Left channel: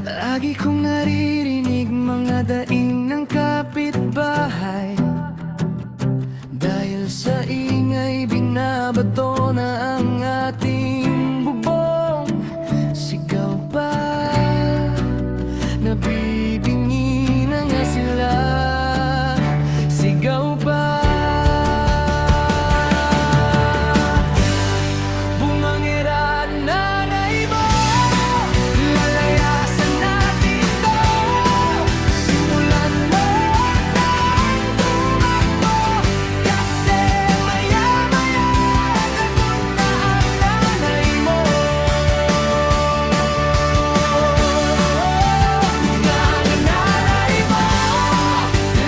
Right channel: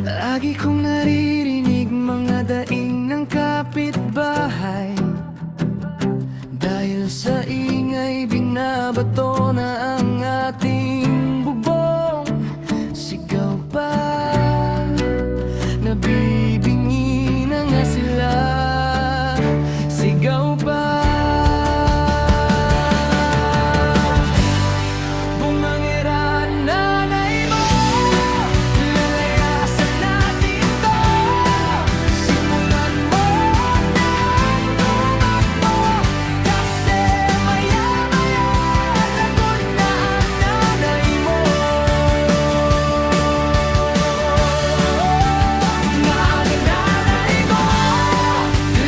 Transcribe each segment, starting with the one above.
Lagi kong naririnig mga daing ng kapitbahay. Dahil sa ingay binabato na ang ating bubong. Sigaw pa, nabibingi na nga sila. Sigaw pa, bumangera nanay mo. Lalayasan natin to. Simulan mo nang tumakbo. Kasi maya-maya tagon na ang nanay mo. Mga nanay mo,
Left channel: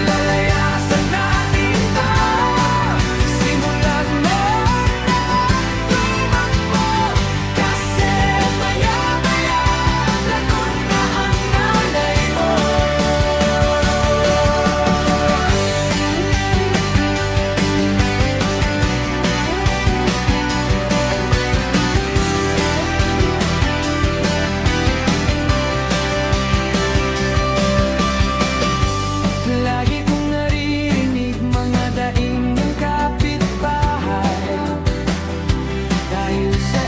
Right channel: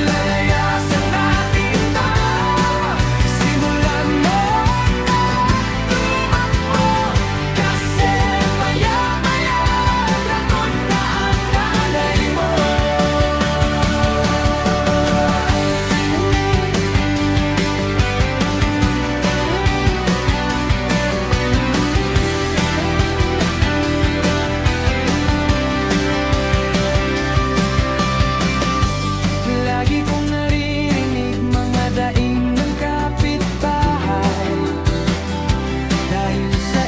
lalayasan natin to. Simulan mo nang tumakbo. Kasi maya-maya tagon na ang nanay mo. Lagi kong naririnig mga daing ng kapitbahay. Dahil sa